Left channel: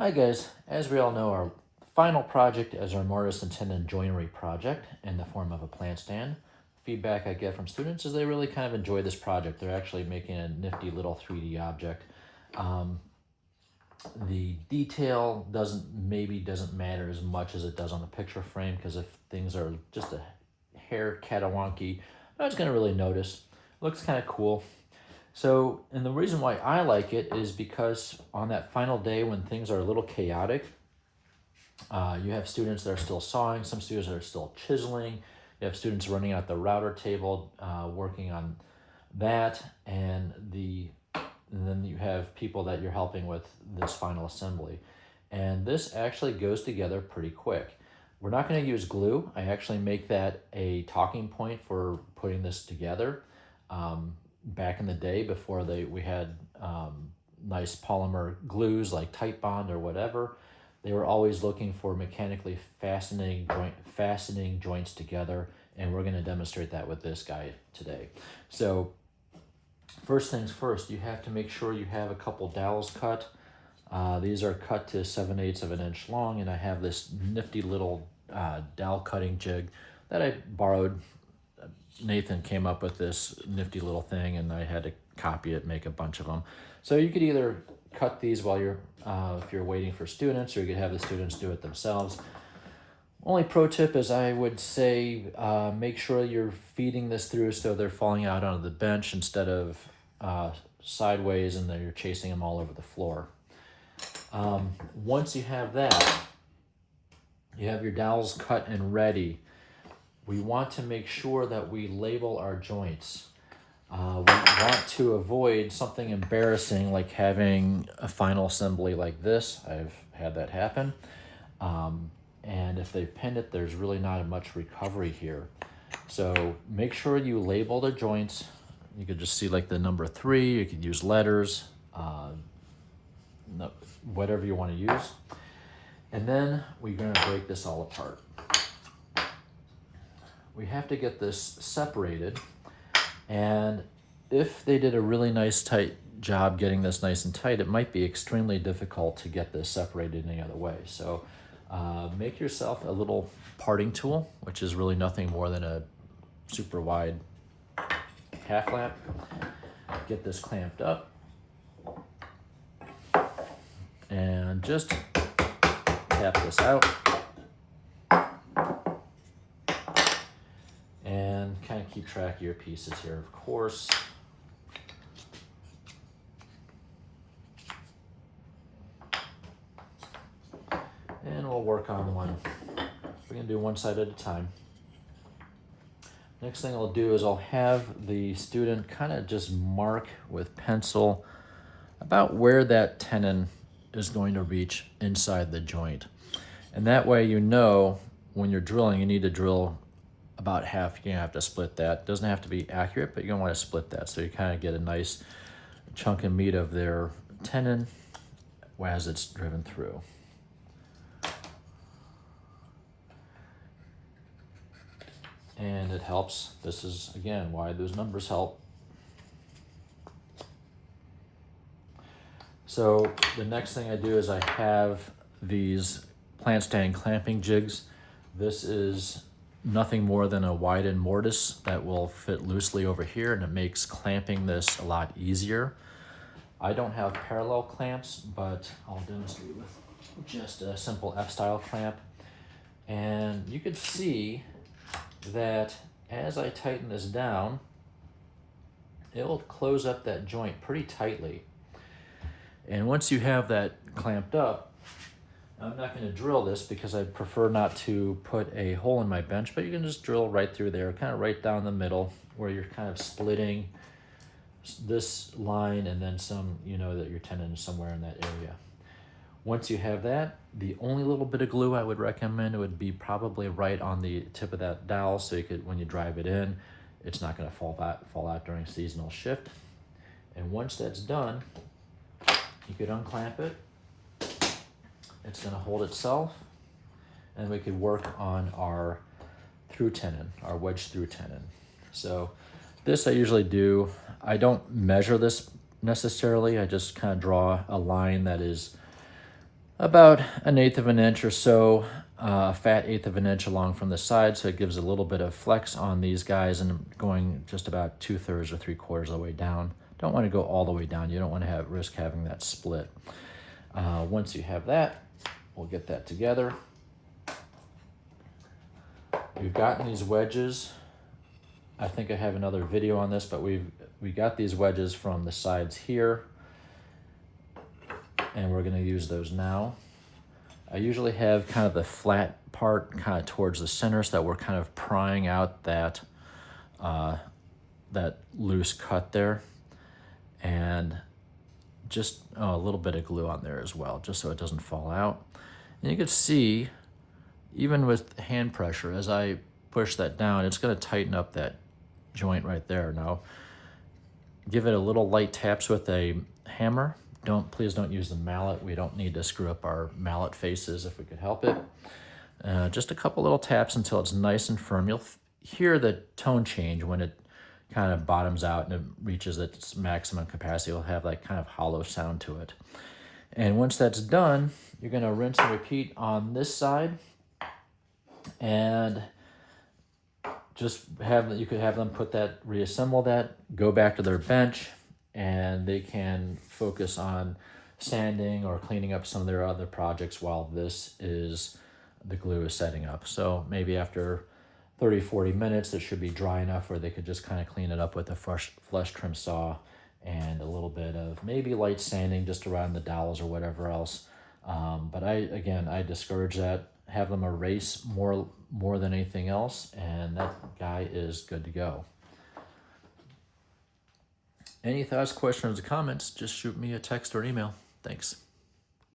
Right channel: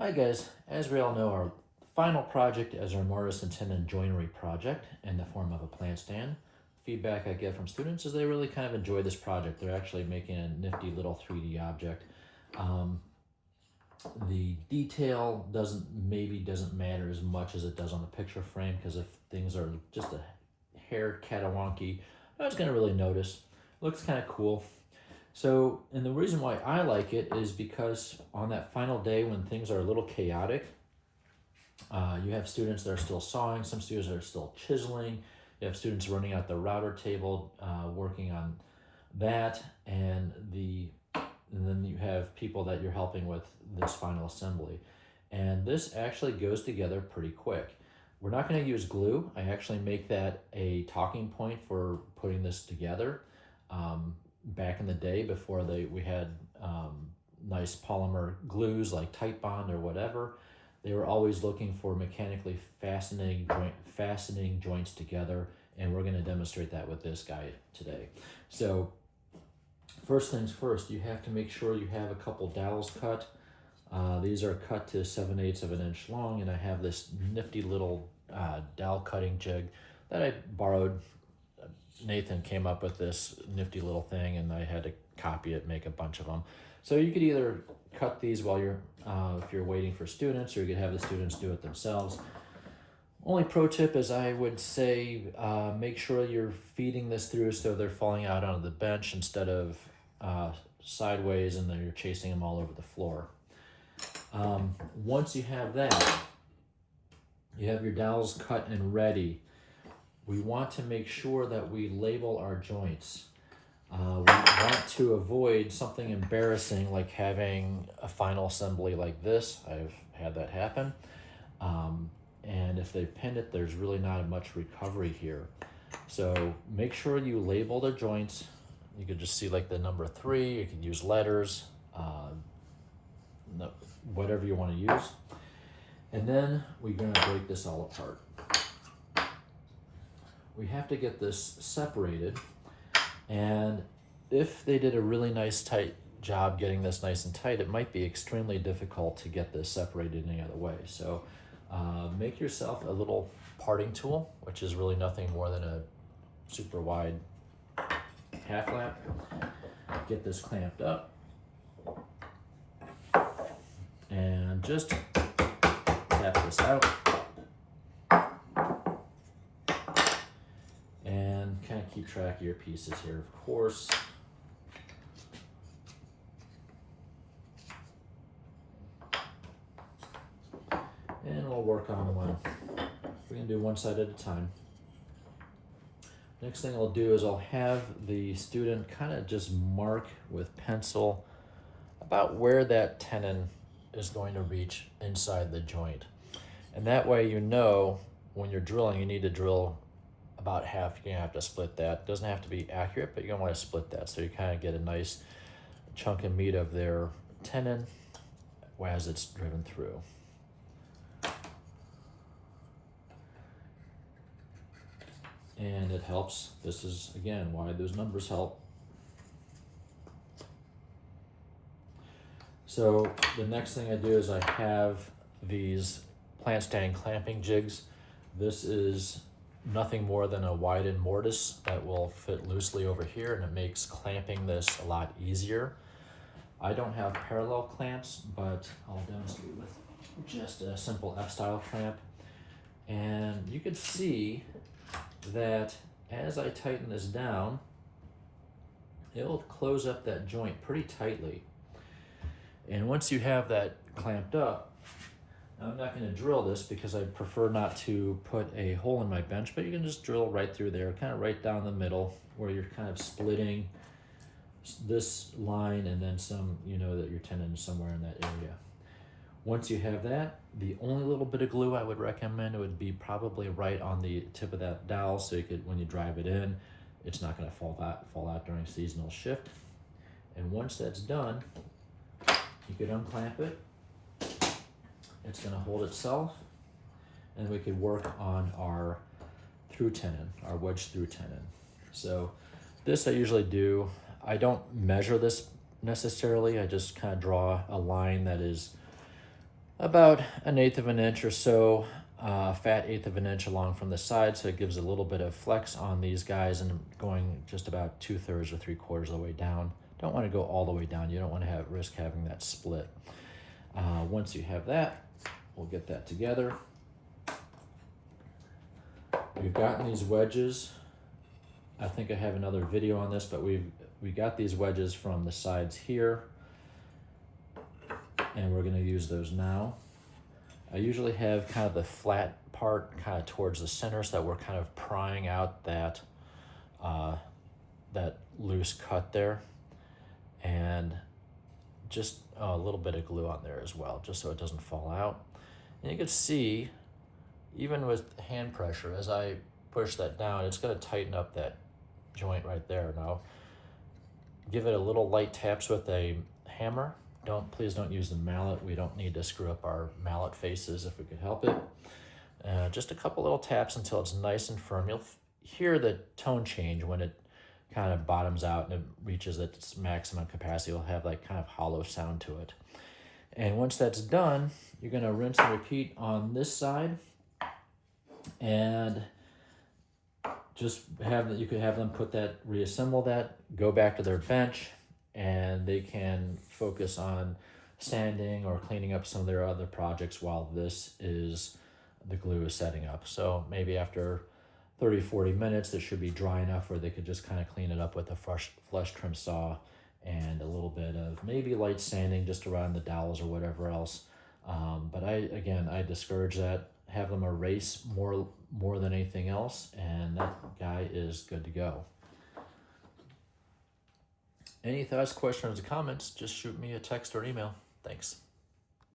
Hi guys, as we all know, our final project is our mortise and tenon joinery project in the form of a plant stand. Feedback I get from students is they really kind of enjoy this project. They're actually making a nifty little 3D object. Um, the detail doesn't matter as much as it does on the picture frame, because if things are just a hair catawonky, no one's gonna really notice. Looks kind of cool. So, and the reason why I like it is because on that final day when things are a little chaotic, you have students that are still sawing, some students that are still chiseling, you have students running out the router table, working on that, and then you have people that you're helping with this final assembly. And this actually goes together pretty quick. We're not going to use glue. I actually make that a talking point for putting this together. Back in the day, before we had nice polymer glues like Tight Bond or whatever, they were always looking for mechanically fastening joints together, and we're going to demonstrate that with this guy today. So first things first, you have to make sure you have a couple dowels cut. These are cut to 7/8 of an inch long, and I have this nifty little dowel cutting jig that I borrowed. Nathan came up with this nifty little thing, and I had to copy it, make a bunch of them. So you could either cut these while you're, if you're waiting for students, or you could have the students do it themselves. Only pro tip is I would say make sure you're feeding this through so they're falling out onto the bench instead of sideways, and then you're chasing them all over the floor. Once you have that, you have your dowels cut and ready. We want to make sure that we label our joints. We want to avoid something embarrassing like having a final assembly like this. I've had that happen. And if they've pinned it, there's really not much recovery here. So make sure you label the joints. You could just see like the number 3, you can use letters, whatever you want to use. And then we're going to break this all apart. We have to get this separated, and if they did a really nice tight job getting this nice and tight, it might be extremely difficult to get this separated any other way. So make yourself a little parting tool, which is really nothing more than a super wide half lap. Get this clamped up and just tap this out and kind of keep track of your pieces here, of course. And we'll work on one. We're gonna do one side at a time. Next thing I'll do is I'll have the student kind of just mark with pencil about where that tenon is going to reach inside the joint. And that way, you know, when you're drilling, you need to drill about half. You're gonna have to split that. Doesn't have to be accurate, but you're gonna want to split that so you kind of get a nice chunk of meat of their tenon as it's driven through. And it helps. This is, again, why those numbers help. So the next thing I do is I have these plant stand clamping jigs. This is nothing more than a widened mortise that will fit loosely over here, and it makes clamping this a lot easier. I don't have parallel clamps, but I'll demonstrate with just a simple F-style clamp. And you can see that as I tighten this down, it will close up that joint pretty tightly. And once you have that clamped up, I'm not going to drill this because I prefer not to put a hole in my bench, but you can just drill right through there, kind of right down the middle, where you're kind of splitting this line and then some, you know that your tenon is somewhere in that area. Once you have that, the only little bit of glue I would recommend would be probably right on the tip of that dowel, so you could, when you drive it in, it's not going to fall out during seasonal shift. And once that's done, you could unclamp it. It's going to hold itself, and we could work on our through tenon, our wedge through tenon. So this I usually do. I don't measure this necessarily. I just kind of draw a line that is about 1/8 of an inch or so, a fat 1/8 of an inch along from the side, so it gives a little bit of flex on these guys, and going just about 2/3 or 3/4 of the way down. Don't want to go all the way down. You don't want to risk having that split. Once you have that, we'll get that together. We've gotten these wedges. I think I have another video on this, but we got these wedges from the sides here, and we're going to use those now. I usually have kind of the flat part kind of towards the center, so that we're kind of prying out that that loose cut there, and just a little bit of glue on there as well, just so it doesn't fall out. And you can see, even with hand pressure, as I push that down, it's going to tighten up that joint right there. Now, give it a little light taps with a hammer. Please don't use the mallet. We don't need to screw up our mallet faces if we could help it. Just a couple little taps until it's nice and firm. You'll hear the tone change when it kind of bottoms out and it reaches its maximum capacity. It'll have like kind of hollow sound to it. And once that's done, you're going to rinse and repeat on this side, and just you could have them reassemble that, go back to their bench, and they can focus on sanding or cleaning up some of their other projects while the glue is setting up. So maybe after 30-40 minutes, it should be dry enough where they could just kind of clean it up with a flush trim saw and a little bit of maybe light sanding just around the dowels or whatever else. But I discourage that. Have them erase more than anything else, and that guy is good to go. Any thoughts, questions, or comments, just shoot me a text or an email. Thanks.